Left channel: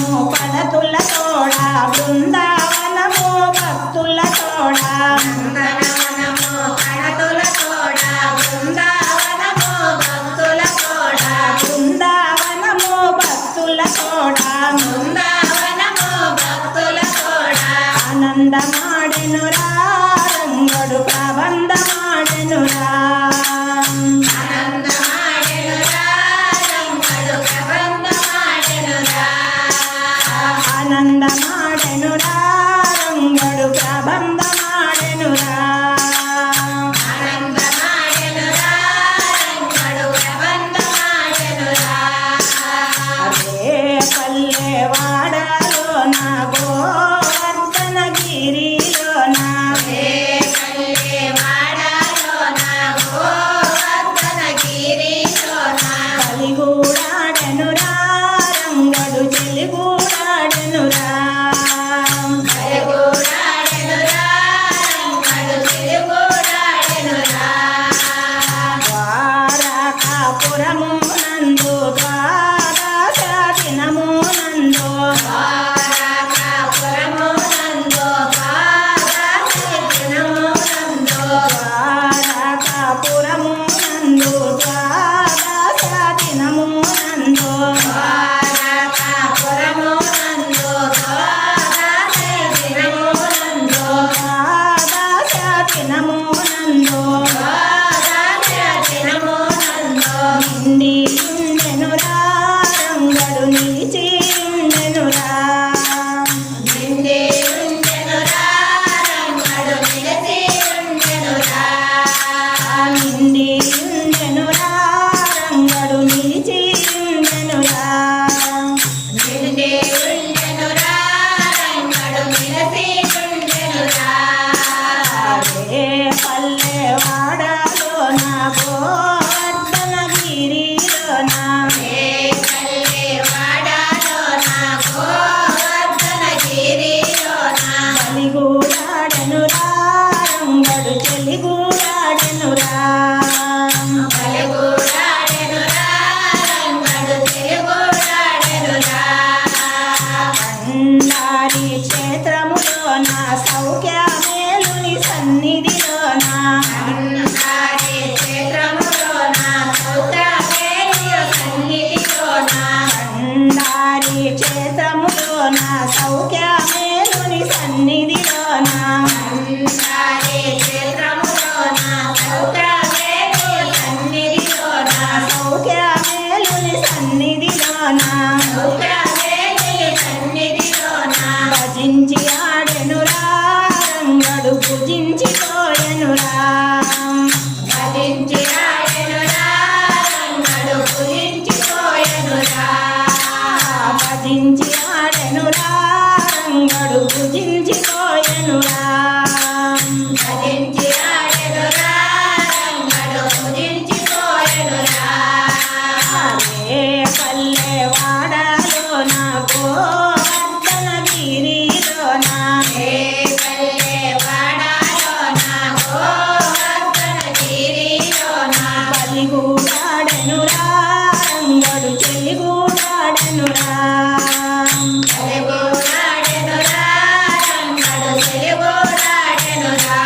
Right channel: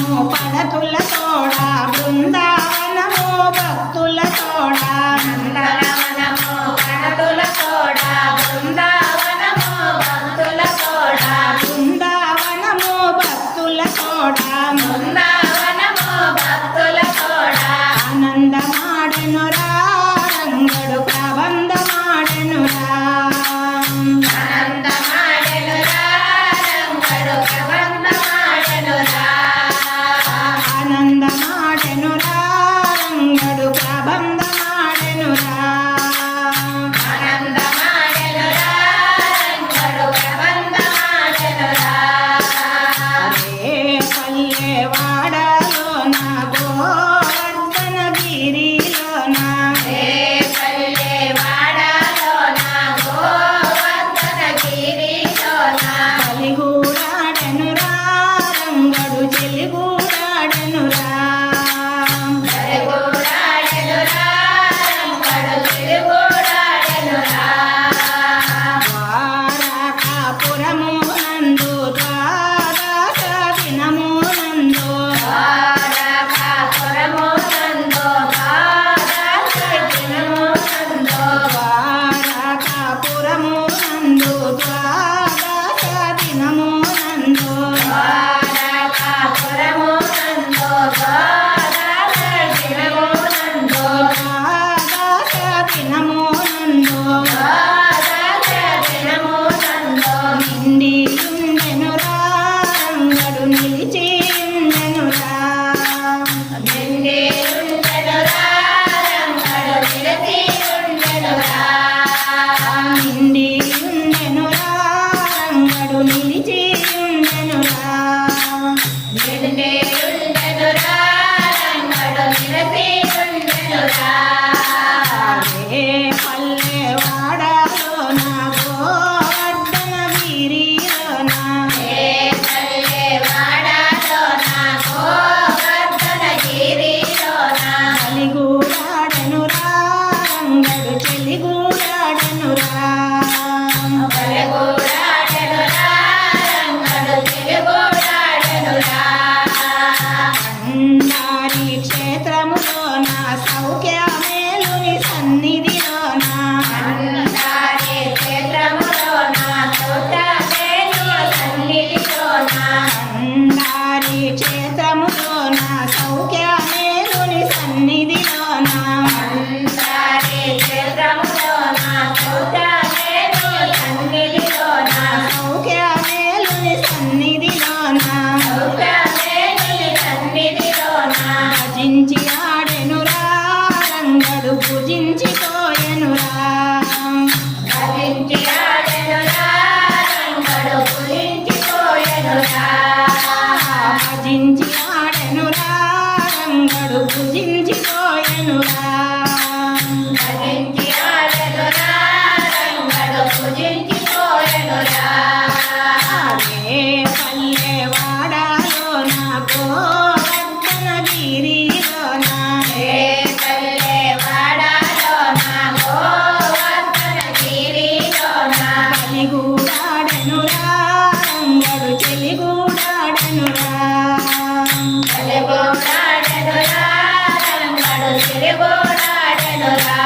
పదతుల తోడ బృందావనము భక్తుల తోడ నందనవనము పదతుల తోడ బృందావనము భక్తుల తోడ బృందావనము భక్తుల తోడ బృందావనము భక్తుల తోడ ఆనందమాడెనురా రంగడు ప్రబంధమాడెనురా ఆనందమాడెనురా రంగడు ప్రబంధమాడెనురా ఆనందమాడెనురా రంగడు ప్రబంధమాడెనురా ఆనందమాడెనురా రంగడు ప్రబంధమాడెనురా అదే పల్లె వాడలోన గోవర్ధనగిరిలోన ఏ పల్లె వాడలోన గోవర్ధనగిరిలోన కలిగూడాడెనురా రంగడు చెలిగూడాడెనురా చెలిగూడాడెనురా రంగడు చెలిగూడాడెనురా ద్వారకాపురము నందు ద్వాదశ దినము నందు ద్వారకాపురము నందు ద్వాదశ దినము నందు ద్వారకాపురము నందు ద్వాదశ దినము నందు ద్వారకాపురము నందు ద్వాదశ దినము నందు ద్వాదశ దినము నందు ద్వాదశ దినము నందు నిండియుండెనురా రంగడు నిలిచియుండెనురా నిండియుండెనురా రంగడు నిలిచియుండెనురా నిండియుండెనురా రంగడు నిలిచియుండెనురా నిండియుండెనురా రంగడు నిలిచియుండెనురా అదే పల్లె వాడలోన గోవర్ధనగిరిలోన ఏ పల్లె వాడలోన గోవర్ధనగిరిలోన కలిగూడాడెనురా రంగడు చెలిగూడాడెనురా చెలిగూడాడెనురా రంగడు చెలిగూడాడెనురా కండారి క్షేత్రములోన సౌఖ్యమేలుని సన్నిధిలోన అందారి క్షేత్రములోన సౌఖ్యమేలుని సన్నిధిలోన కండారి క్షేత్రములోన సౌఖ్యమేలుని సన్నిధిలోన అందారి క్షేత్రములోన సౌఖ్యమేలుని సన్నిధిలోన సౌఖ్యమేలుని సన్నిధిలోన సౌఖ్యమేలుని సన్నిధిలోన భజించి ఆడెనురా రంగడు పూజించిపోయెనురా భజించి ఆడెనురా రంగడు పూజించిపోయెనురా భజించి ఆడెనురా రంగడు పూజించిపోయెనురా భజించి ఆడెనురా రంగడు పూజించిపోయెనురా అదే పల్లె వాడలోన గోవర్ధనగిరిలోన ఏ పల్లె వాడలోన గోవర్ధనగిరిలోన కలిగూడాడెనురా రంగడు చెలిగూడాడెనురా చెలిగూడాడెనురా రంగడు చెలిగూడాడెనురా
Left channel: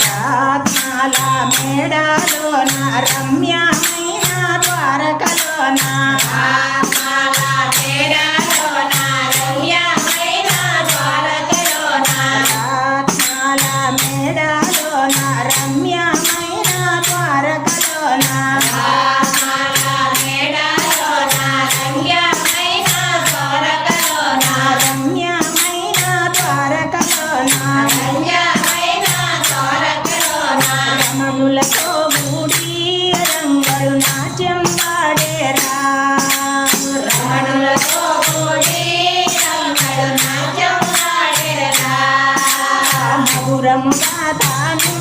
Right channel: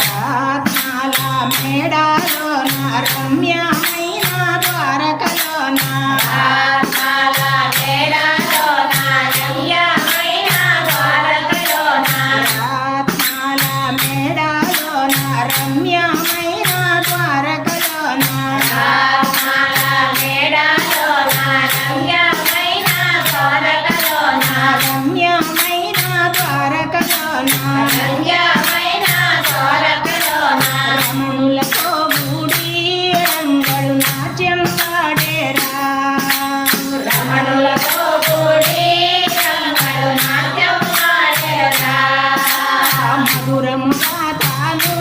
రత్నాల మేడాలోన రమ్యమైన ద్వారకలోన ఆత్మల మేడలోన రమ్యమైన ద్వారకలోన రత్నాల మేడాలోన రమ్యమైన ద్వారకలోన ఆత్మల మేడలోన రమ్యమైన ద్వారకలోన రమ్యమైన ద్వారకలోన రమ్యమైన ద్వారకలోన రమణులతో కూడి రంగడు నాట్యం వాడేరా రమణులతో కూడి రంగడు నాట్యం ఆడేరా మధురముగా తాను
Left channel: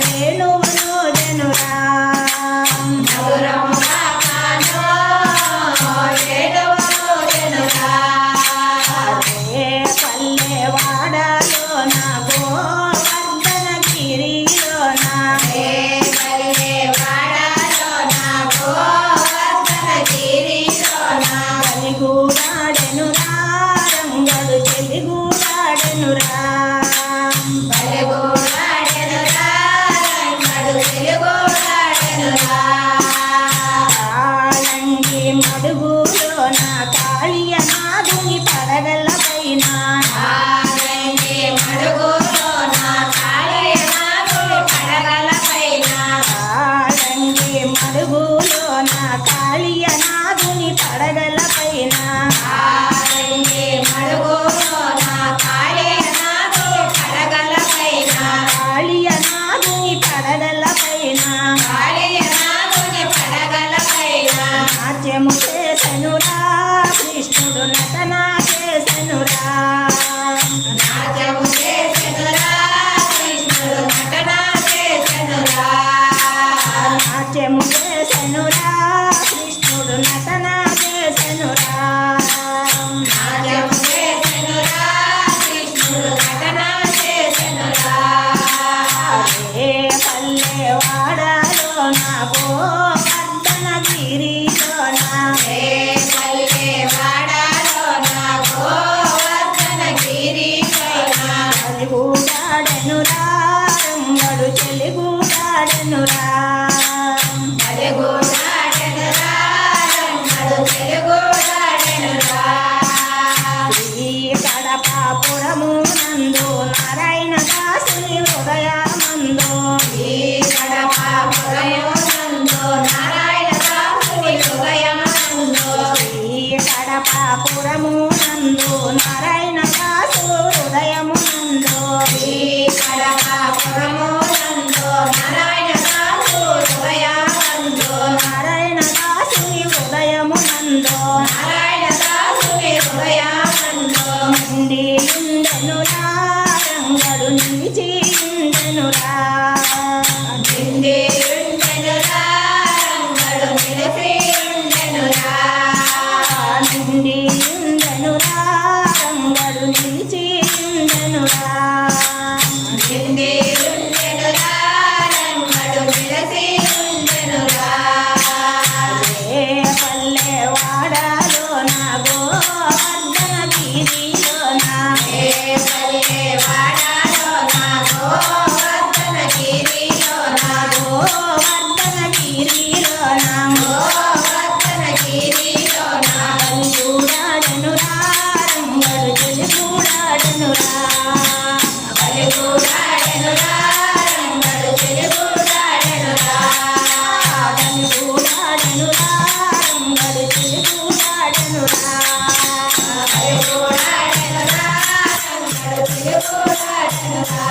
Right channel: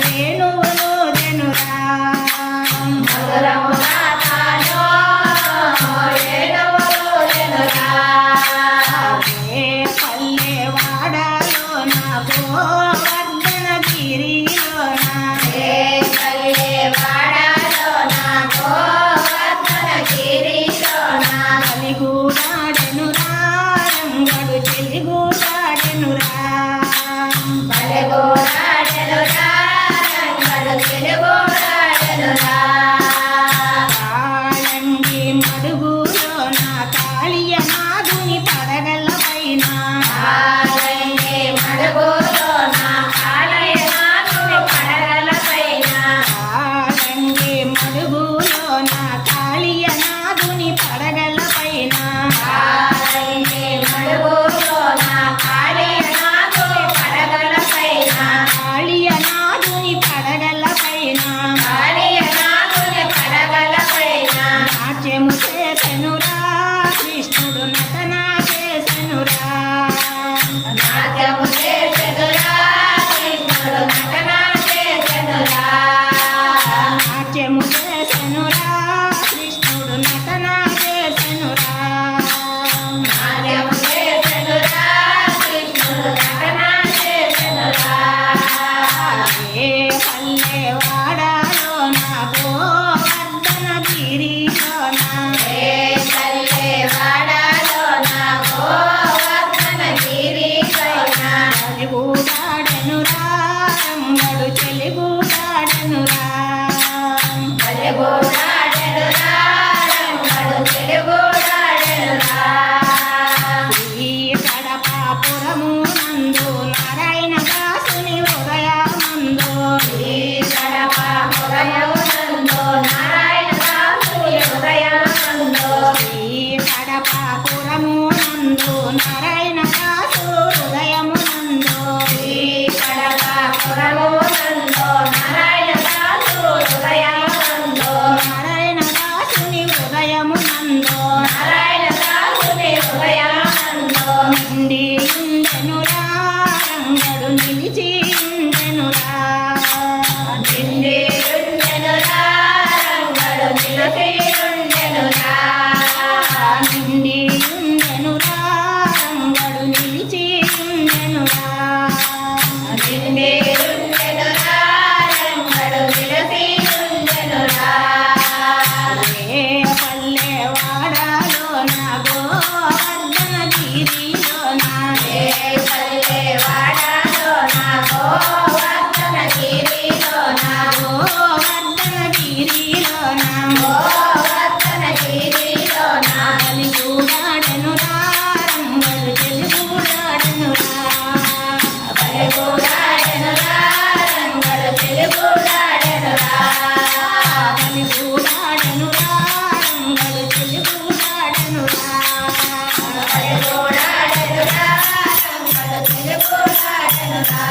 వేణువును జనురా మధురముగా తాను వేణువును జనురా అదే పల్లె వాడలోన గోవర్ధనగిరిలోన ఏ పల్లె వాడలోన గోవర్ధనగిరిలోన కలిగూడ నారాయణ దాసు హృదయమునందు కడకాపురమునందు నారాయణ దాసు హృదయమందు నారాయణ దాసుని హృదయమునందు నారాయణ దాసుని హృదయమందు నిండియుండెనురా రంగడు నిలిచి ఉండెనురా నిండియుండెనురా రంగడు నిలిచి ఉండెనురా నిండియుండెనురా రంగడు నిలిచి ఉండెనురా నిండియుండెనురా రంగడు నిలిచి ఉండెనురా ఏ పల్లె వాడలోన గోవర్ధన గిరిలోన ఏ పల్లె వాడలోన గోవర్ధన గిరిలోన గోవర్ధన గిరిలోన గోవర్ధన గిరిలోన బలిగూడాడెనురా రంగడు తెలుగుడాడెనురా బలిగూడాడెనురా రంగడు తెలుగుడాడెనురా బలిగూడాడెనురా రంగడు తెలుగుడాడెనురా బలిగూడాడెనురా రంగడు తెలుగుడాడెనురా